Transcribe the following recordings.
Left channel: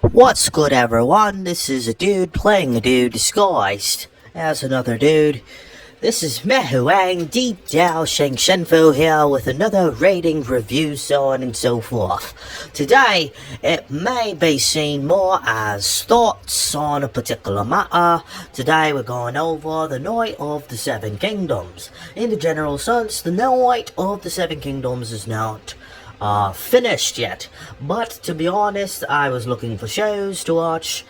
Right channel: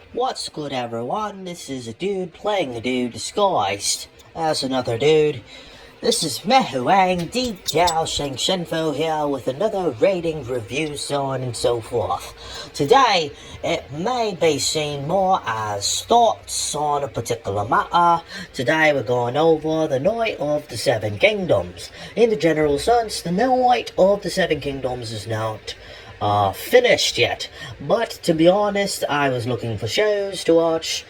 What's good, everyone? This is a dude playing a dude disguised as another dude. This is Mehuang Dou-zhansheng-fo here with another rating review, so on and so forth. Today, it may be seen more as thoughts on a particular matter. Today we're going over the Night of the Seven Kingdoms. In the general sense, the Night of the Seven Kingdoms is not finished yet, but to be honest, I was looking for shows to watch.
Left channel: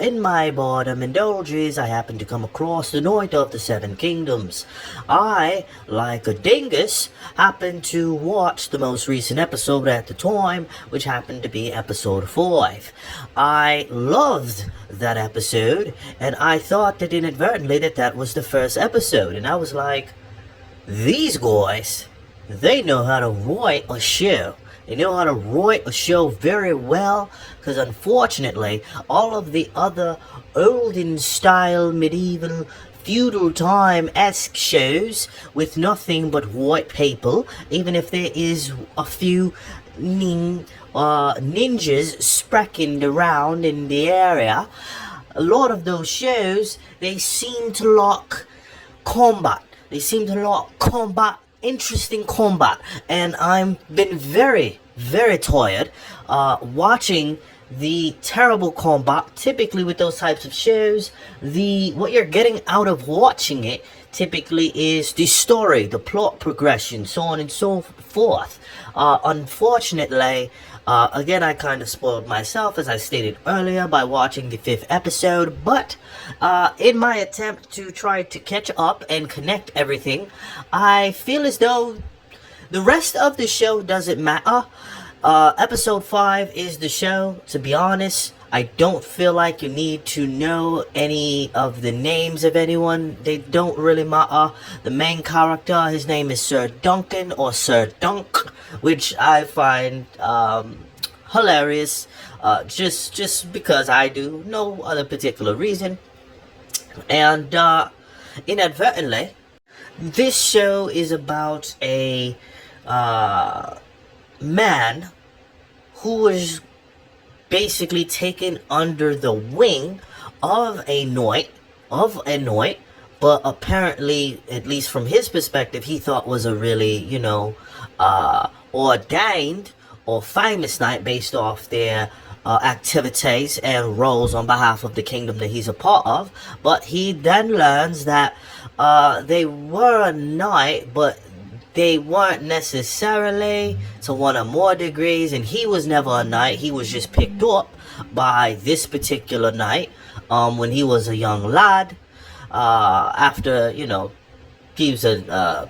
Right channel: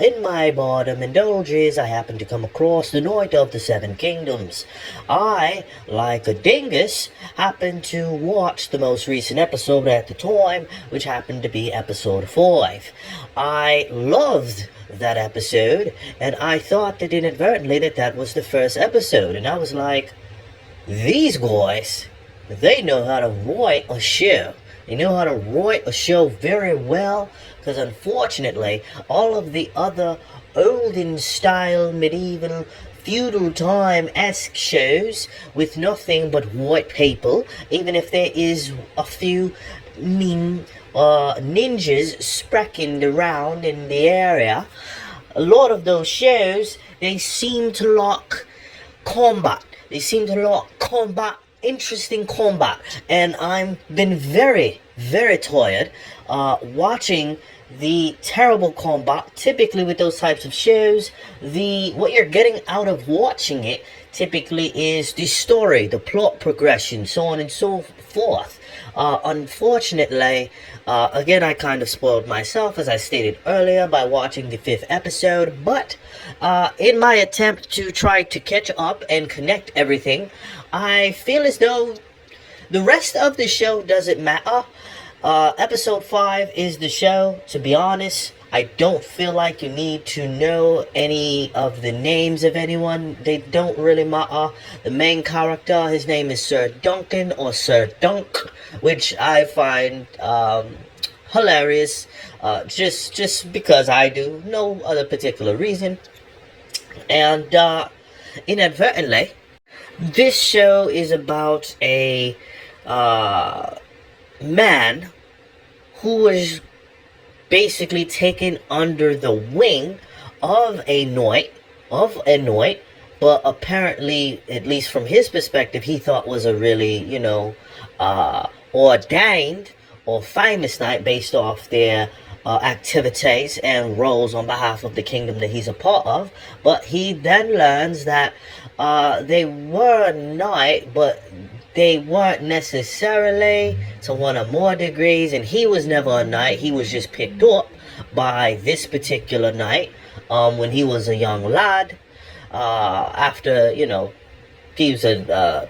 In my boredom indulges, I happened to come across the Night of the Seven Kingdoms. I, like a dingus, happened to watch the most recent episode at the time, which happened to be episode 5. I loved that episode, and I thought that inadvertently that was the first episode, and I was like, these guys, they know how to write a show. They know how to write a show very well, because unfortunately, all of the other olden style, medieval, feudal time-esque shows with nothing but white people, even if there is a few ninjas spracking around in the area, a lot of those shows, they seem to lack combat. They seem to lack interesting combat, and I've been very tired watching the terrible combat. Typically with those types of shows, what you're getting out of watching it typically is the story, the plot progression, so on and so forth. Unfortunately, again, I kind of spoiled myself, as I stated earlier, by watching the 5th episode, but in my attempt to try to catch up and connect everything, I feel as though the rest of the show doesn't matter. Episode 5 is the show. To be honest, I don't feel like you need to know any of the names of anyone. They don't really matter. The main character, his name is Sir Duncan, or Sir Dunk, which I find hilarious, just because I do, no other particular reason. And inadvertently, this show is about a man who is basically taken under the wing of a knight, but apparently, at least from his perspective, he thought was a really, ordained or famous knight based off their activities and roles on behalf of the kingdom that he's a part of. But he then learns that they were a knight, but they weren't necessarily to one or more degrees, and he was never a knight. He was just picked up by this particular knight when he was a young lad, after, he was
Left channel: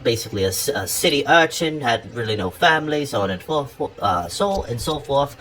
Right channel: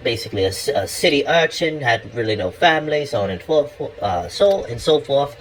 basically a city urchin, had really no family, so on and so forth.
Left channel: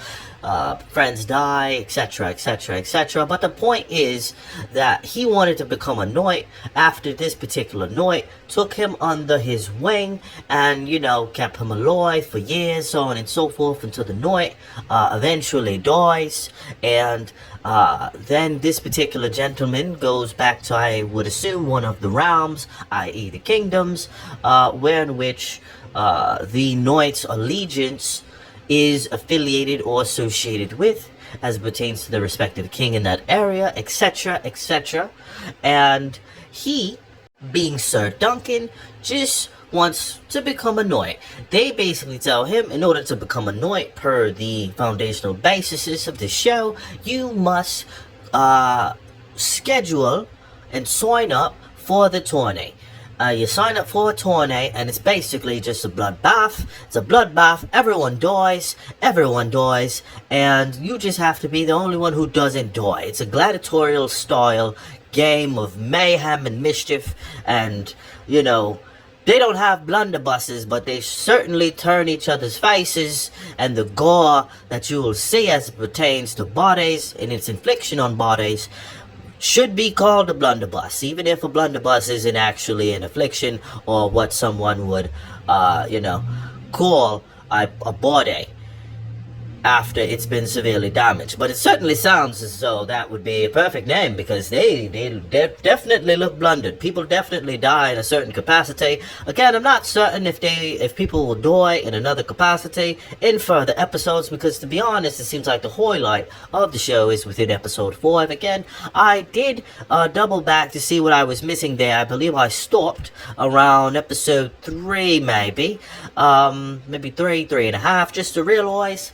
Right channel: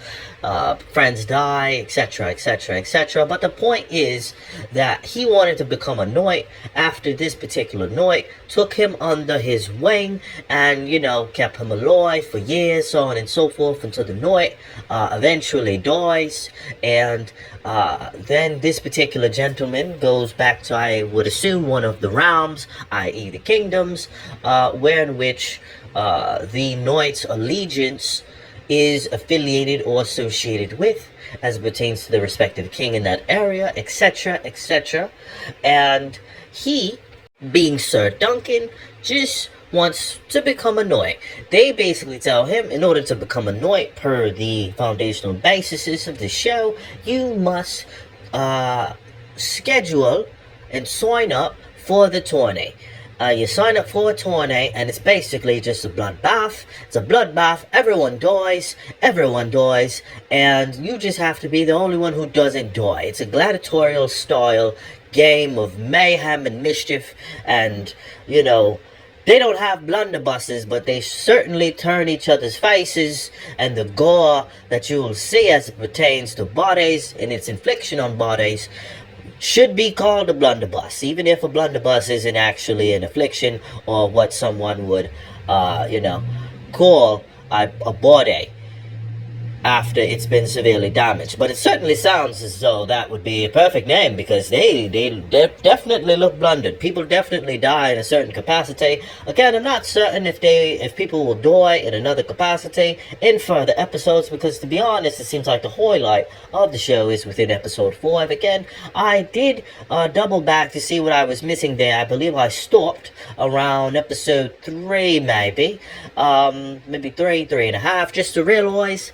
Friends die, etc., etc. But the point is that he wanted to become a knight after this particular knight took him under his wing and, kept him alive for years, so on and so forth, until the knight eventually dies. And then this particular gentleman goes back to, I would assume, one of the realms, i.e. the kingdoms, in which the knight's allegiance is affiliated or associated with, as it pertains to the respective king in that area, etc., etc. And he, being Sir Duncan, just wants to become a knight. They basically tell him, in order to become a knight, per the foundational basis of the show, you must schedule and sign up for the tourney. You sign up for a tourney, and it's basically just a bloodbath. It's a bloodbath. Everyone dies, and you just have to be the only one who doesn't die. It's a gladiatorial style game of mayhem and mischief, and, they don't have blunderbusses, but they certainly turn each other's faces, and the gore that you will see as it pertains to bodies and its infliction on bodies should be called a blunderbuss, even if a blunderbuss isn't actually an affliction or what someone would, call a body. after it's been severely damaged. But it certainly sounds as though that would be a perfect name, because they definitely look blundered. People definitely die in a certain capacity. Again, I'm not certain if people will die in another capacity in further episodes, because to be honest, it seems like the highlight of the show is within episode 5. Again, I did double back to see what I was missing there. I believe I stopped around episode 3, maybe 3.5, just to realize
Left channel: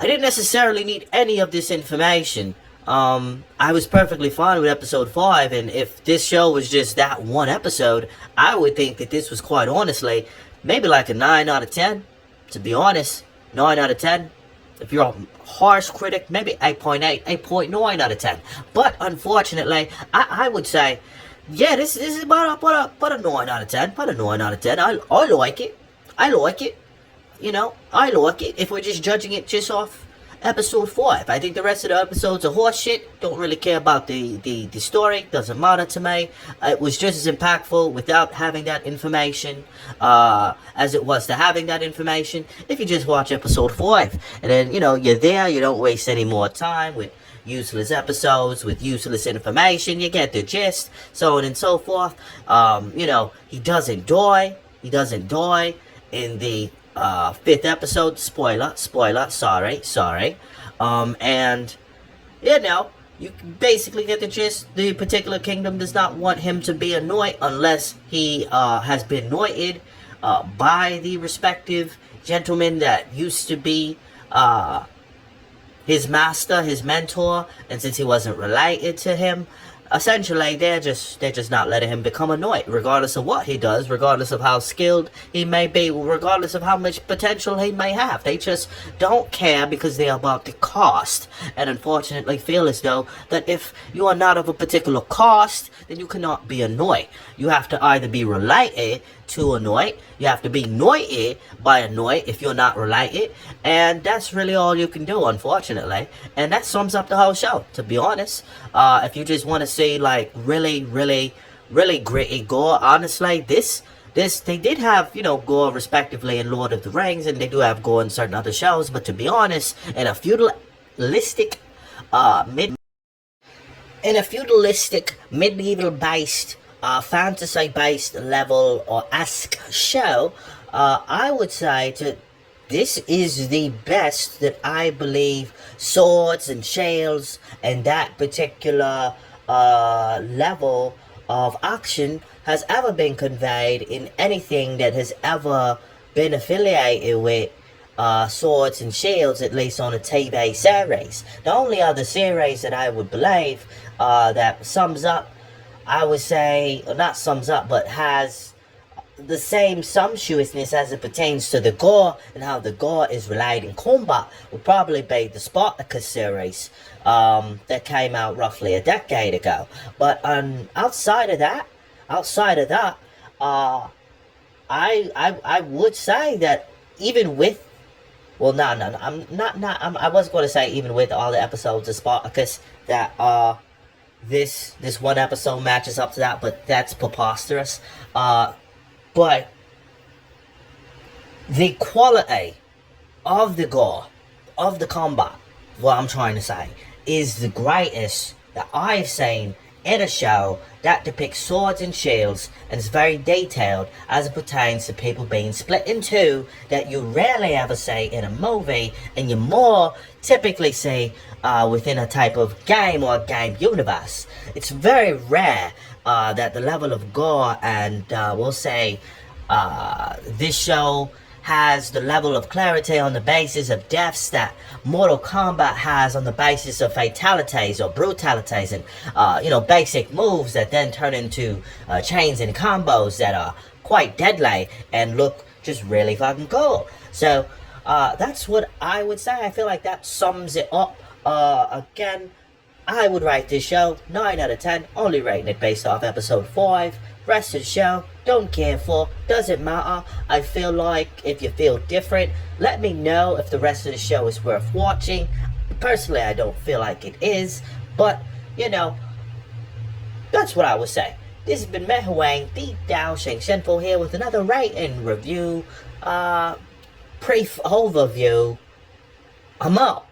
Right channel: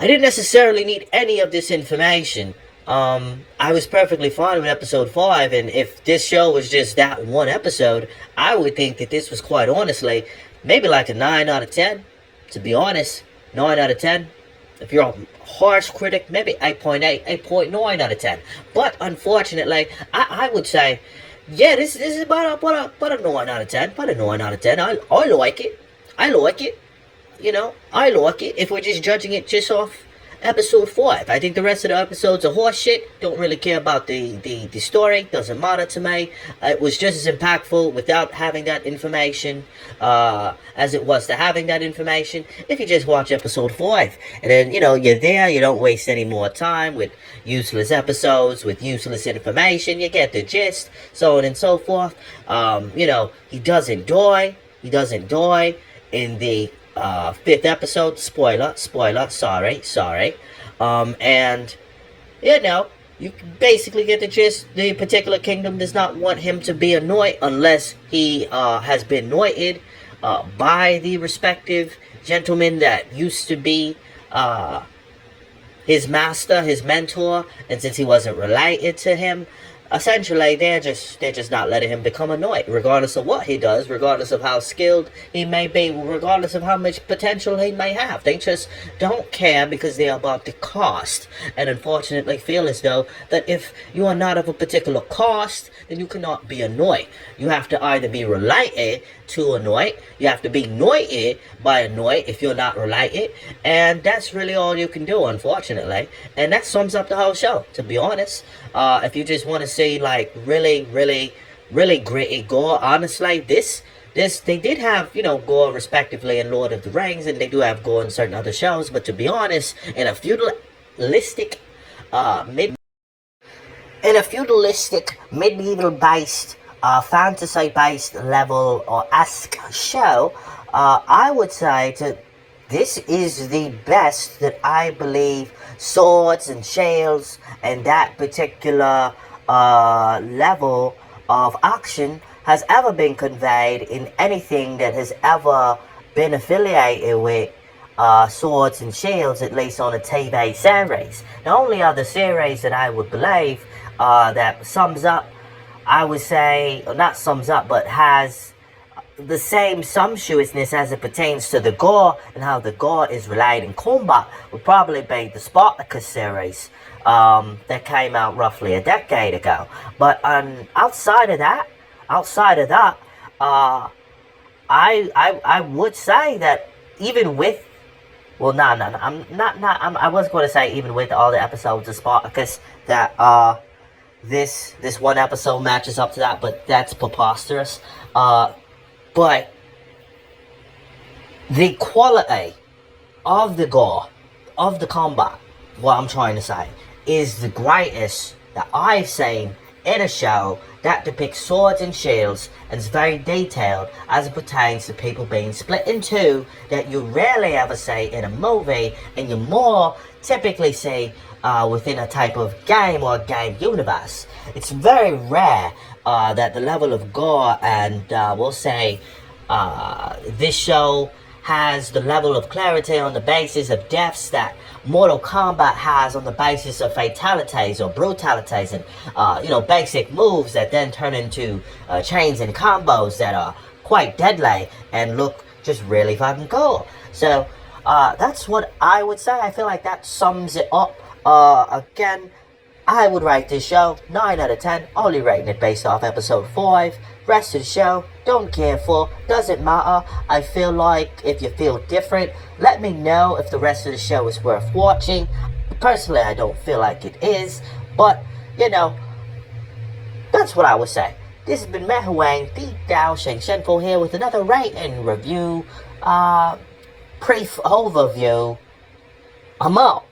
I didn't necessarily need any of this information. I was perfectly fine with episode 5, and if this show was just that one episode, I would think that this was, quite honestly, maybe like a 9 out of 10. To be honest, 9 out of 10. If you're a harsh critic, maybe 8.8, 8.9 out of 10. But unfortunately, I would say, yeah, this is about a 9 out of 10. About a 9 out of 10. I like it. I like it. I like it if we're just judging it just off episode 5. I think the rest of the episodes are horse shit. Don't really care about the story. Doesn't matter to me. It was just as impactful without having that information as it was to having that information. If you just watch episode 5, and then, you're there, you don't waste any more time with useless episodes, with useless information. You get the gist, so on and so forth. He doesn't die. He doesn't die in the 5th episode. Spoiler, sorry. And you basically get the gist. The particular kingdom does not want him to be a knight unless he has been knighted by the respective gentleman that used to be his master, his mentor, and since he wasn't related to him, essentially they're just not letting him become a knight, regardless of what he does, regardless of how skilled he may be, regardless of how much potential he may have. They just don't care because they're about the cost, and unfortunately feel as though that if you are not of a particular cost, then you cannot be a knight. You have to either be related to a knight, you have to be knighted by a knight if you're not related, and that's really all you can do, unfortunately. And that sums up the whole show, to be honest. If you just want to see like really gritty gore, honestly, this they did have gore respectively in Lord of the Rings, and they do have gore in certain other shows, but to be honest, in a feudalistic medieval based fantasy based level or esque show, I would say that this is the best that I believe swords and shields and that particular level of action has ever been conveyed in anything that has ever been affiliated with swords and shields, at least on a TV series. The only other series that I would believe that sums up, I would say, or not sums up, but has the same sumptuousness as it pertains to the gore and how the gore is relayed in combat would probably be the Spartacus series that came out roughly a decade ago. But outside of that, I would say that even with, well, no, I was going to say even with all the episodes of Spartacus that this one episode matches up to that, but that's preposterous. But the quality of the gore, of the combat, what I'm trying to say, is the greatest that I've seen in a show that depicts swords and shields and is very detailed as it pertains to people being split in two, that you rarely ever see in a movie, and you more typically see within a type of game or game universe. It's very rare that the level of gore and we'll say this show has the level of clarity on the basis of deaths that Mortal Kombat has on the basis of fatalities or brutalities and basic moves that then turn into chains and combos that are quite deadly and look just really fucking cool. So that's what I would say. I feel like that sums it up. Again, I would rate this show 9 out of 10, only rating it based off episode 5. Rest of the show, don't care for, doesn't matter. I feel like if you feel different, let me know if the rest of the show is worth watching. Personally, I don't feel like it is, but, that's what I would say. This has been Meh Huang, the Dou-zhansheng-fo here with another rating review, brief overview I'm out.